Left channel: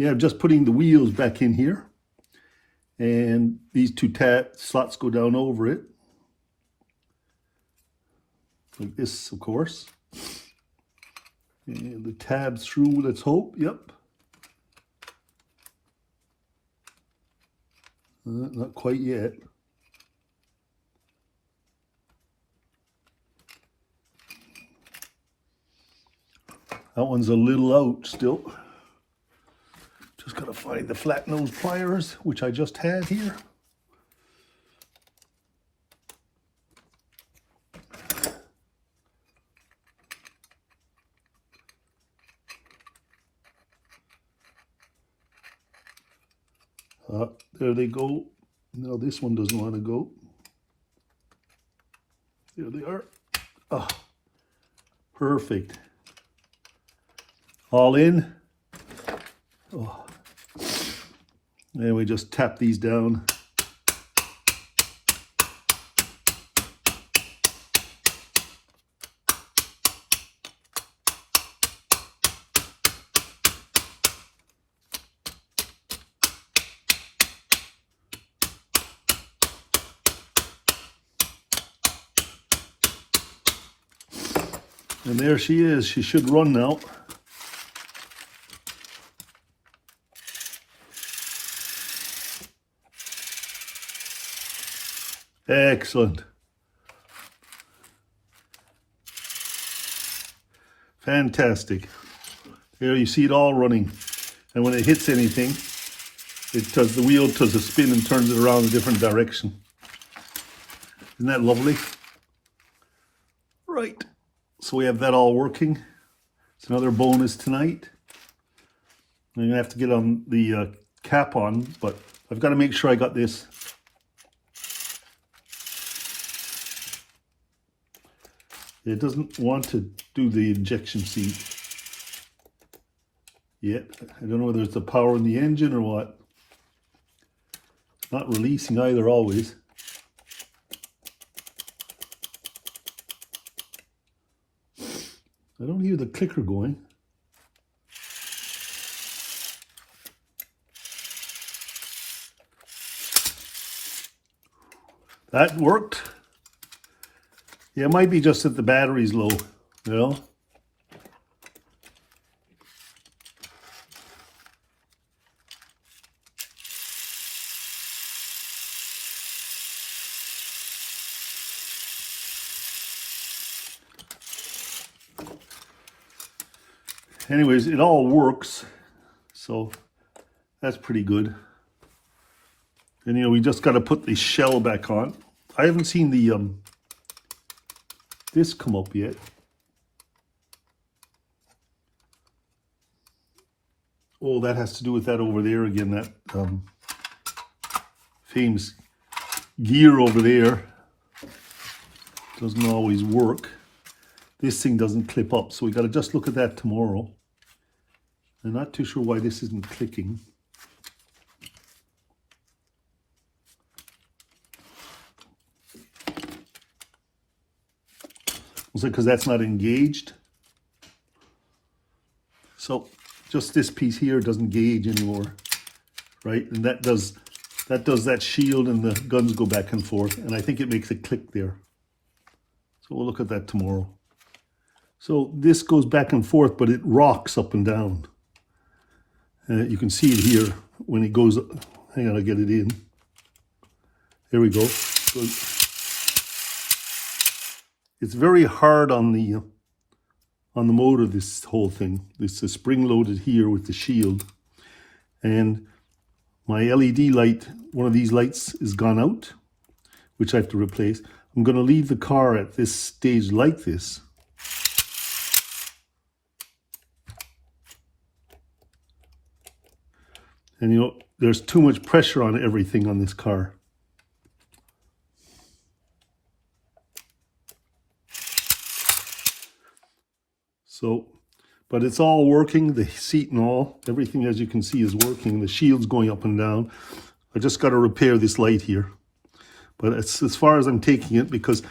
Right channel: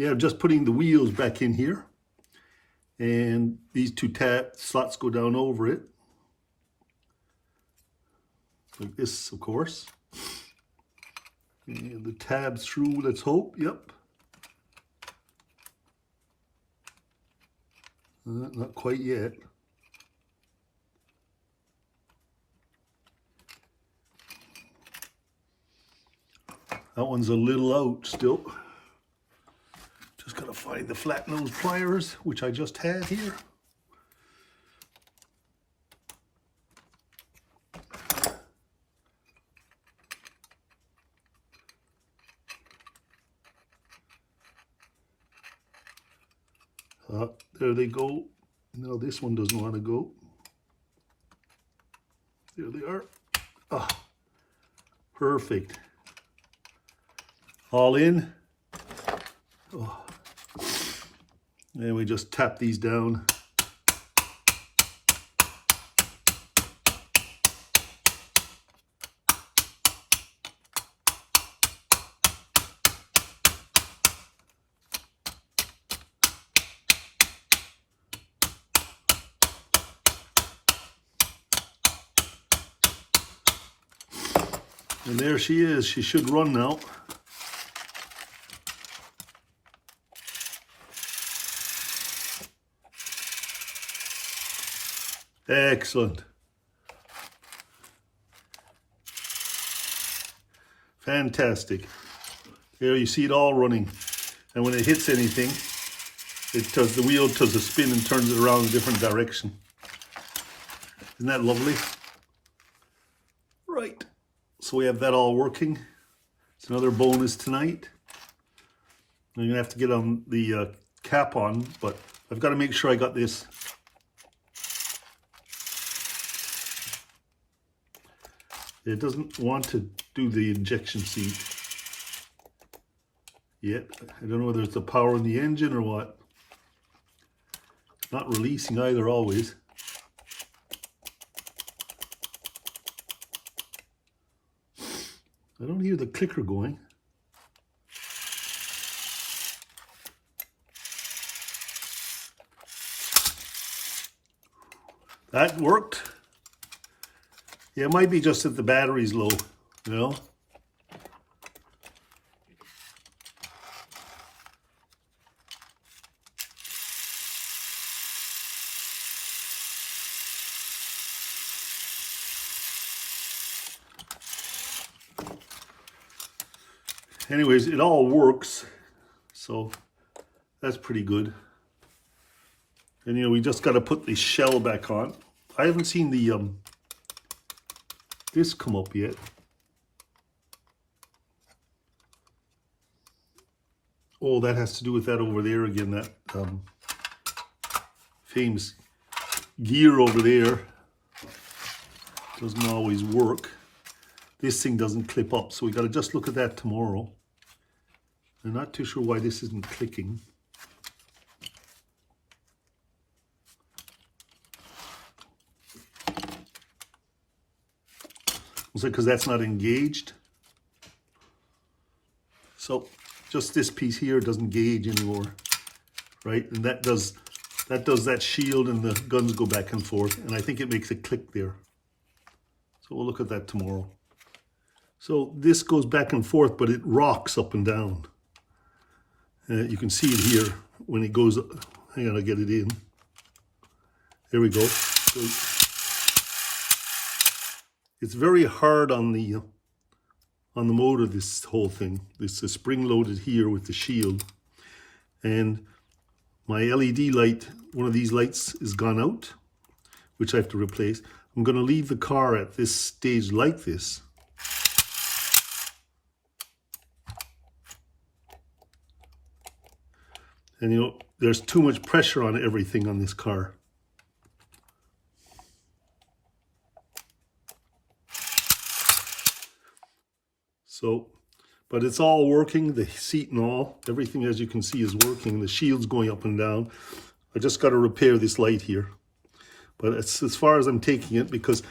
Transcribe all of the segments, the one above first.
yeah, I'm just putting the wheels back in here. And these two tab slots go down over it. Like this, of course. And the tab through, let's hope, yep. Not quite yet. That one's a little out still. Just gotta find the flat nose pliers, which I just had here. There they go. No, this one doesn't want to go. There they are. Ah, perfect. All in. Oh. And we just tap these down. And there she is. She should run now. Excellent. Fantastic. There you see it all running. And when it hits anything, the wheel does a spin and turns it around a different direction. Isn't that lovely? Right. So we have that all working. It's another bonus tonight. I'm gonna have to get on the cap on, but I've got to make sure I got this. It doesn't want to do the injection seat yet. I don't know whether it's the power in the engine or what. Not releasing either always. I don't hear the clicker going. That worked. Yeah, it might be just that the battery's low, you know. Anyways, it all works, so that's pretty good. And you know, we just got to put the shell back on. I haven't seen the this come up yet. Oh, that has to do with that over there again, that famous gear over there. Doesn't always work. This thing doesn't clip up, so we got to just look at that tomorrow. I'm not too sure why this isn't clicking. Is it because that's not engaged? So just this piece here doesn't gauge anymore, right? And that does that shield, and the guns go back and forth, and I think it makes a click there. So we'll look at that tomorrow. So this goes back and forth, but it rocks up and down. You can see it here when it goes. Hang on, I'll get it in. There we go. So it's very hard on the motor, this whole thing. This is spring-loaded here with the shield. And my LED light, one of these lights is gone out, which I have to replace. I'm going to leave the car at this stage like this. And you know, there's too much pressure on everything on this car. So, but it's all working, the seat and all, everything as you can see is working, the shield's going up and down. I just got to repair this light here. But it's as far as I'm taking it, because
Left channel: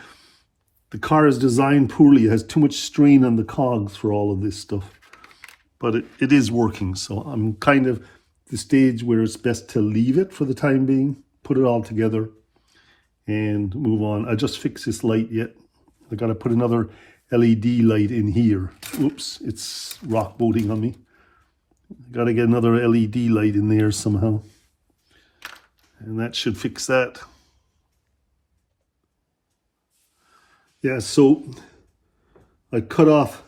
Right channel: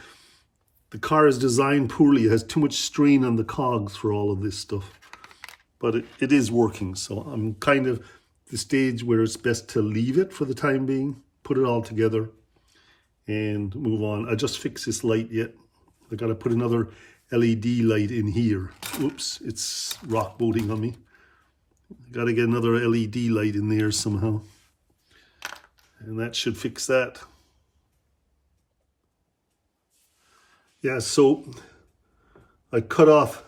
the car is designed poorly. It has too much strain on the cogs for all of this stuff. But it is working, so I'm kind of the stage where it's best to leave it for the time being, put it all together and move on. I just fixed this light yet. I gotta put another LED light in here. Oops, it's rock boating on me. Gotta get another LED light in there somehow. And that should fix that. Yeah, so I cut off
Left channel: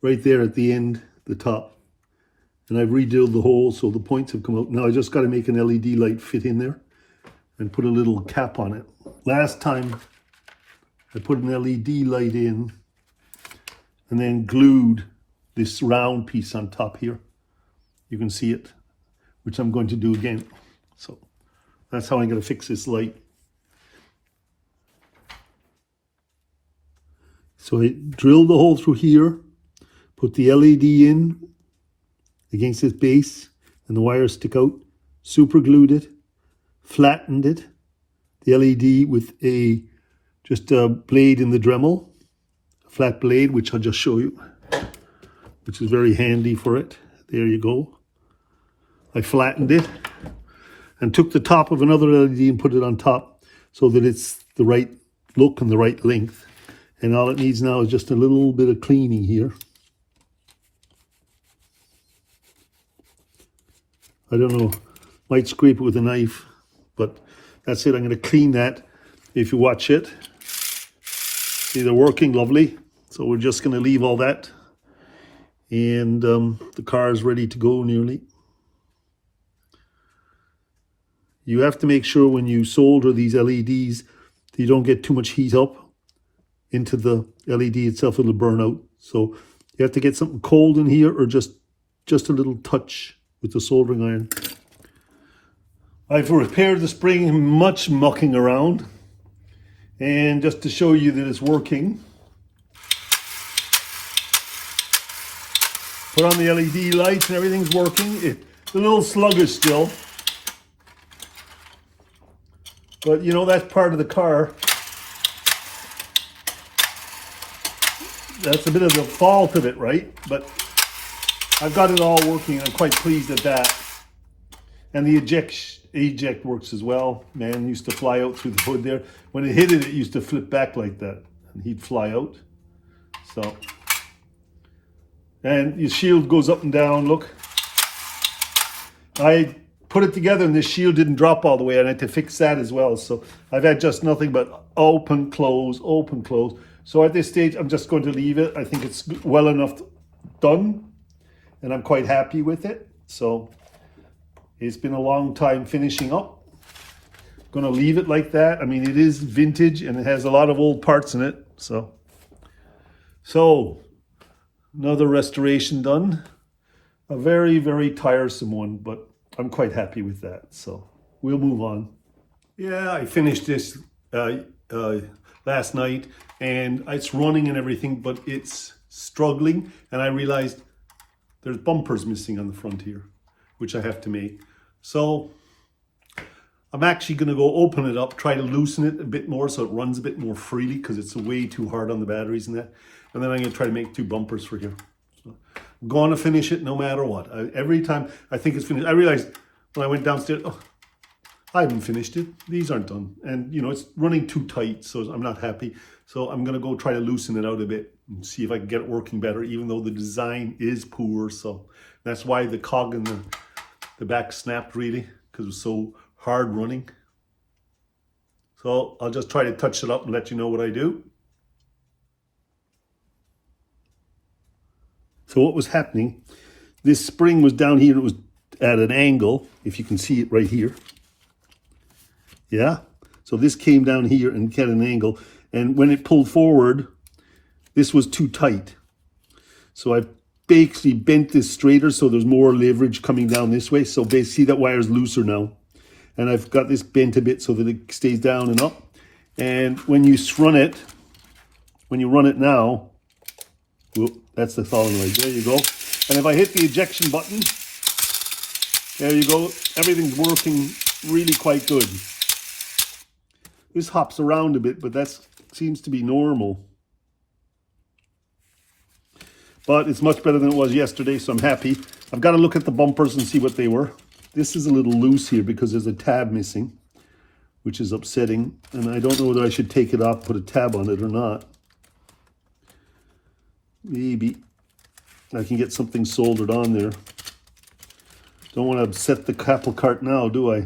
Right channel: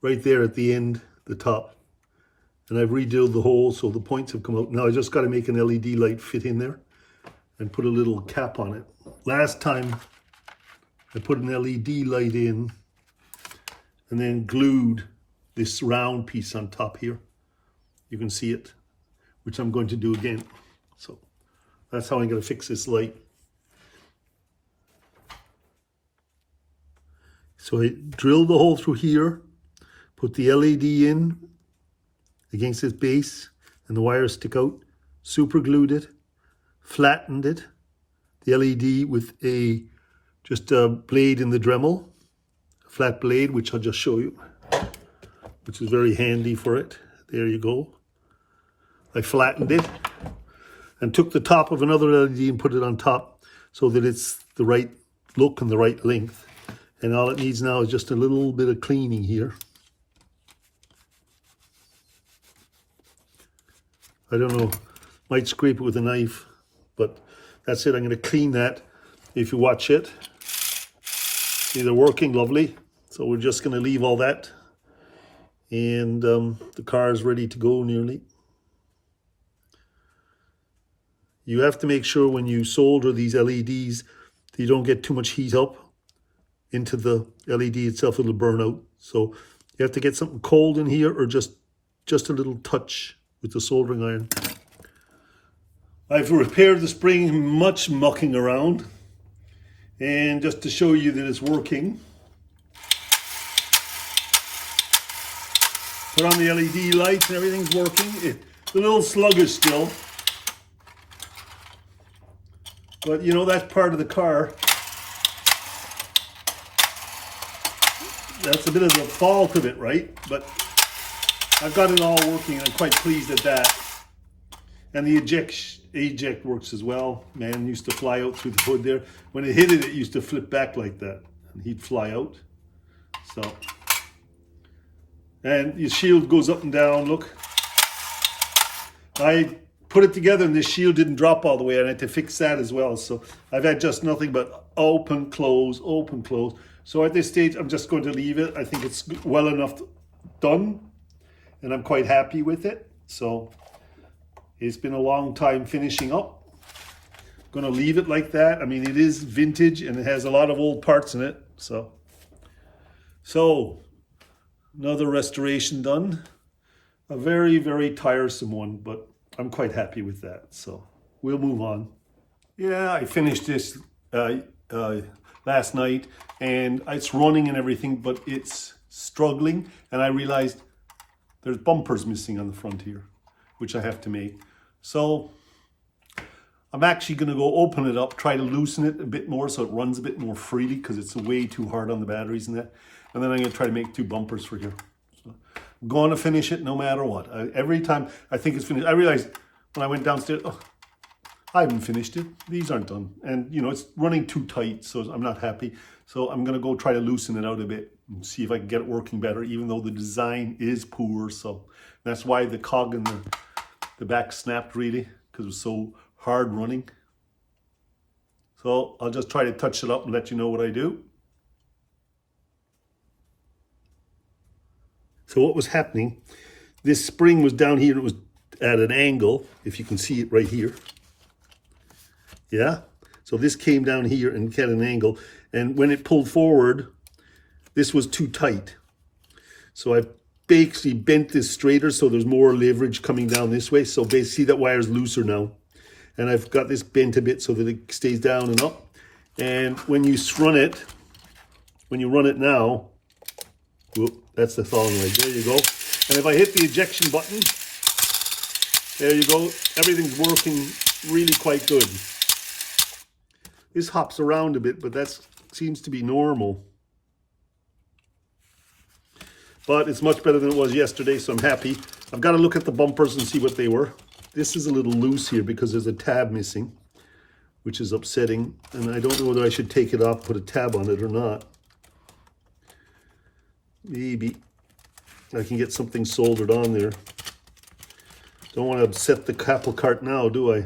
right there at the end, the top. And I've redrilled the hole so the points have come out. Now I just got to make an LED light fit in there and put a little cap on it. Last time I put an LED light in and then glued this round piece on top here. You can see it, which I'm going to do again. So that's how I'm going to fix this light. So I drilled the hole through here, put the LED in against this base, and the wires stick out, super glued it, flattened it, the LED with just a blade in the Dremel, a flat blade, which I'll just show you, which is very handy for it. There you go. I flattened it and took the top of another LED and put it on top so that it's the right look and the right length. And all it needs now is just a little bit of cleaning here. I don't know, might scrape it with a knife, but that's it. I'm going to clean that if you watch it. See, they're working lovely. So we're just going to leave all that. And the car is ready to go nearly. You have to make sure when you solder these LEDs that you don't get too much heat up into the LED itself. It'll burn out. So you have to get something cold in here or just a little touch with the soldering iron. I've repaired the spring, much mucking around. And just to show you that it's working, put on the LED lights and everything's working. It's a little sluggish still. But you know, that's part of the car. That's a bit of the fault of it, right? But I've got it all working. I'm quite pleased at that. And the eject works as well. Man, used to fly out through the hood there. When it hit it, it used to flip back like that. And he'd fly out. So. And your shield goes up and down, look. I put it together and this shield didn't drop all the way. I had to fix that as well. So I've had just nothing but open, close, open, close. So at this stage, I'm just going to leave it. I think it's well enough done. And I'm quite happy with it. So it's been a long time finishing up. I'm going to leave it like that. I mean, it is vintage and it has a lot of old parts in it. So another restoration done. A very, very tiresome one, but I'm quite happy with that. So we'll move on. Yeah, I finished this last night and it's running and everything, but it's struggling. And I realized there's bumpers missing on the front here, which I have to make. So I'm actually going to go open it up, try to loosen it a bit more so it runs a bit more freely because it's way too hard on the batteries and that. And then I'm going to try to make 2 bumpers for here. So I'm going to finish it no matter what. Every time I think it's finished, I realized when I went downstairs, oh, I haven't finished it. These aren't done. And, you know, it's running too tight, so I'm not happy. So I'm going to go try to loosen it out a bit and see if I can get it working better, even though the design is poor. So that's why the cog and the back snapped really, because it was so hard running. So I'll just try to touch it up and let you know what I do. So what was happening, this spring was down here, it was at an angle, if you can see it right here. Yeah, so this came down here and had an angle, and when it pulled forward, this was too tight. So I basically bent this straighter so there's more leverage coming down this way. So basically, see that wire's looser now. And I've got this bent a bit so that it stays down and up. And when you run it now, whoop, that's the thawing rate. There you go. And if I hit the ejection button, there you go. Everything's working really quite good. This hops around a bit, but that seems to be normal. But it's much better than it was yesterday, so I'm happy. I've got to look at the bumpers and see what they were. This is a little loose here because there's a tab missing, which is upsetting. And I don't know whether I should take it off, put a tab on it or not. Maybe I can get something soldered on there. Don't want to upset the apple cart now, do I?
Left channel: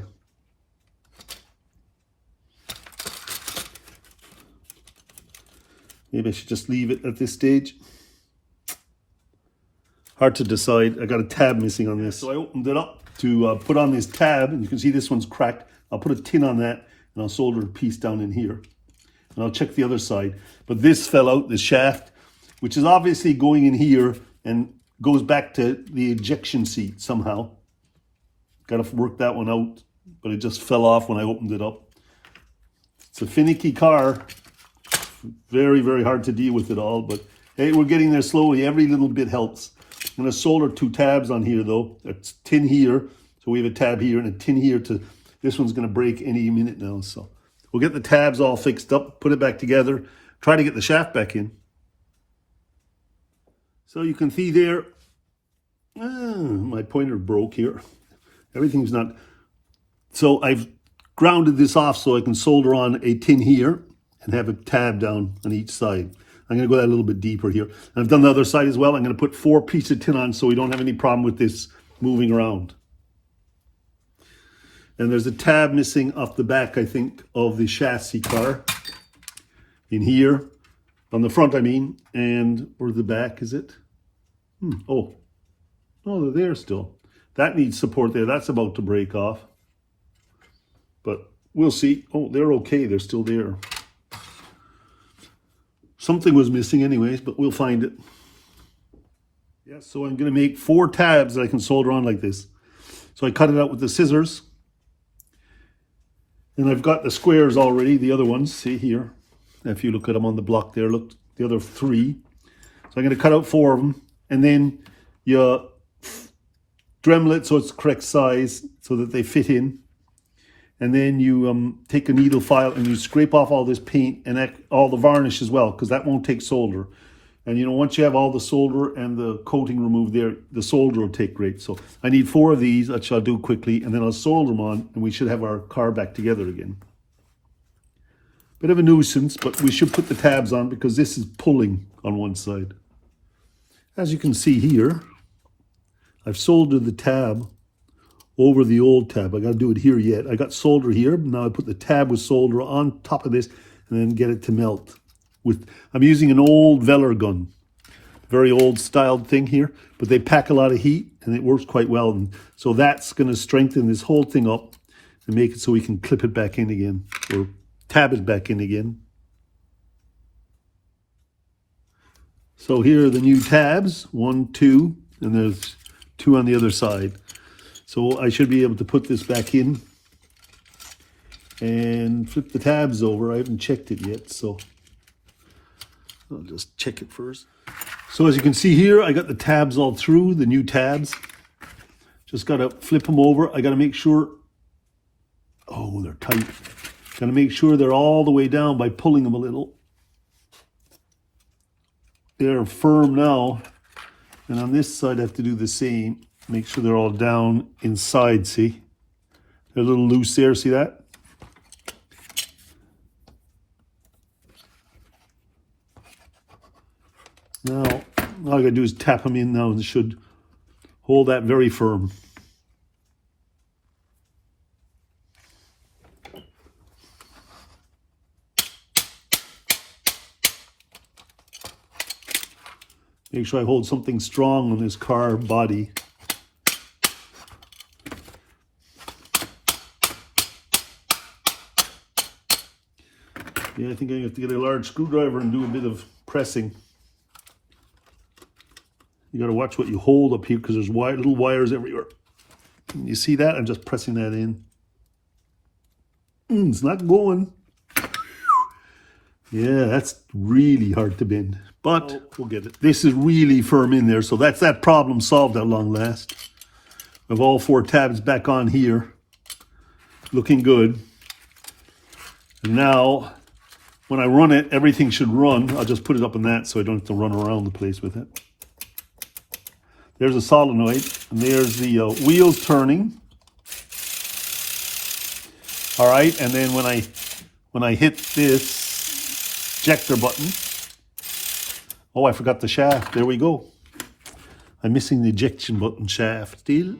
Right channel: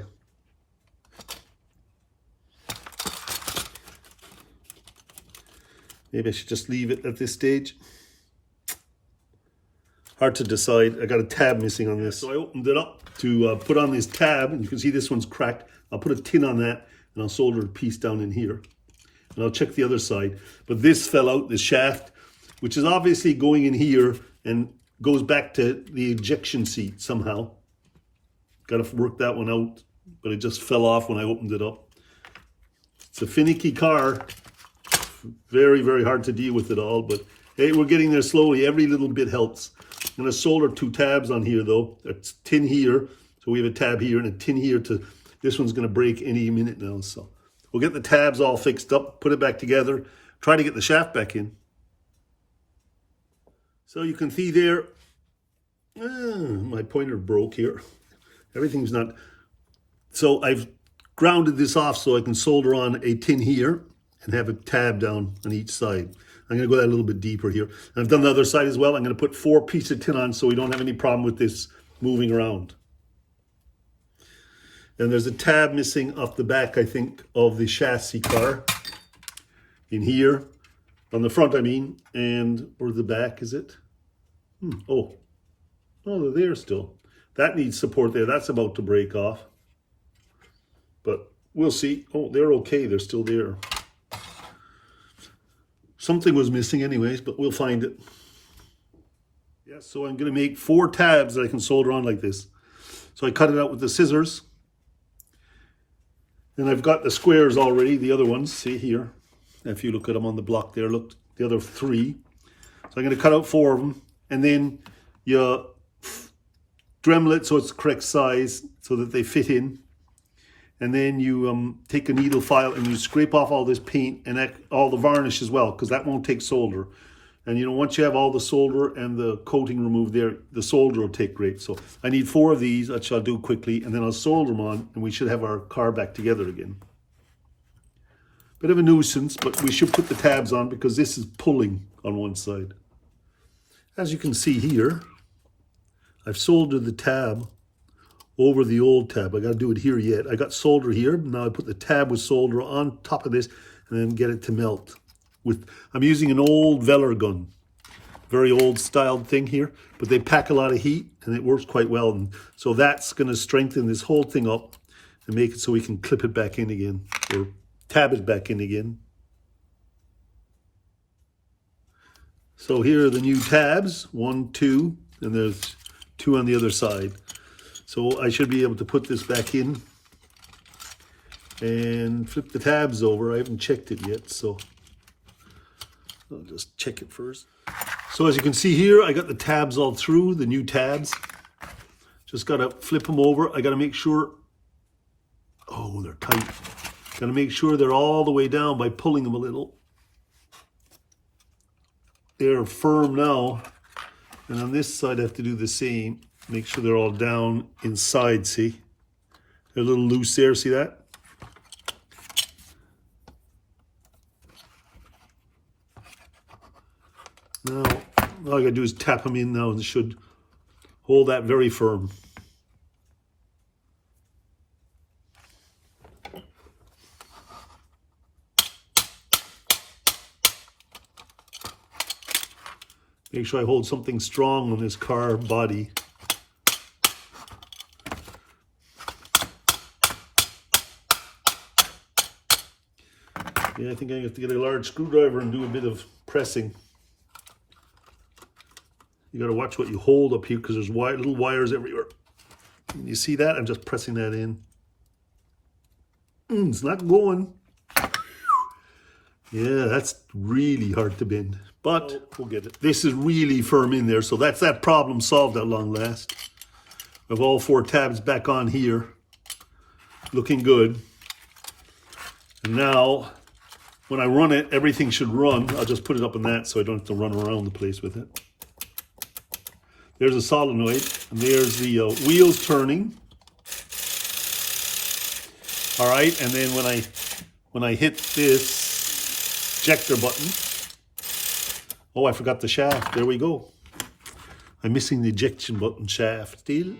Maybe I should just leave it at this stage. Hard to decide. I got a tab missing on this. So I opened it up to put on this tab, and you can see this one's cracked. I'll put a tin on that, and I'll solder a piece down in here. And I'll check the other side. But this fell out, this shaft, which is obviously going in here and goes back to the ejection seat somehow. Got to work that one out, but it just fell off when I opened it up. It's a finicky car. Very, very hard to deal with it all, but hey, we're getting there slowly. Every little bit helps. I'm going to solder 2 tabs on here though. It's tin here, so we have a tab here and a tin here to, this one's going to break any minute now. So we'll get the tabs all fixed up, put it back together, try to get the shaft back in. So you can see there, my pointer broke here. Everything's not, so I've grounded this off so I can solder on a tin here and have a tab down on each side. I'm going to go that a little bit deeper here. And I've done the other side as well. I'm going to put 4 pieces of tin on so we don't have any problem with this moving around. And there's a tab missing off the back, I think, of the chassis car. In here, on the front, I mean, and or the back, is it? Oh, they're there still. That needs support there. That's about to break off. But we'll see. Oh, they're okay. They're still there. Something was missing anyways, but we'll find it. Yeah, so I'm going to make 4 tabs that I can solder on like this. So I cut it out with the scissors. And I've got the squares already, the other ones, see here. If you look at them on the block there, look, the other 3. So I'm going to cut out 4 of them. And then you Dremel it so it's the correct size so that they fit in. And then you take a needle file and you scrape off all this paint and all the varnish as well, because that won't take solder. And you know, once you have all the solder and the coating removed there, the solder will take great. So I need 4 of these, which I'll do quickly, and then I'll solder them on, and we should have our car back together again. Bit of a nuisance, but we should put the tabs on because this is pulling on one side. As you can see here, I've soldered the tab over the old tab. I got to do it here yet. I got solder here. Now I put the tab with solder on top of this and then get it to melt. I'm using an old Veller gun. Very old styled thing here, but they pack a lot of heat and it works quite well. And so that's going to strengthen this whole thing up and make it so we can clip it back in again or tab it back in again. So here are the new tabs, 1, 2, and there's 2 on the other side. So I should be able to put this back in and flip the tabs over. I haven't checked it yet, so I'll just check it first. So as you can see here, I got the tabs all through, the new tabs. Just got to flip them over. I got to make sure, oh, they're tight. Got to make sure they're all the way down by pulling them a little. They're firm now. And on this side, I have to do the same. Make sure they're all down inside, see? They're a little loose there, see that? Now, all I gotta do is tap them in now and it should hold that very firm. Make sure I hold something strong on this car body. Yeah, I think I have to get a large screwdriver and do a bit of pressing. You got to watch what you hold up here because there's little wires everywhere. And you see that? I'm just pressing that in. It's not going. Yeah, that's really hard to bend. But we'll get it. This is really firm in there, so that's that problem solved at long last. I have all 4 tabs back on here. Looking good. And now, when I run it, everything should run. I'll just put it up on that so I don't have to run around the place with it. There's a solenoid, and there's the wheels turning. All right, and then when I hit this ejector button, oh, I forgot the shaft. There we go. I'm missing the ejection button shaft still.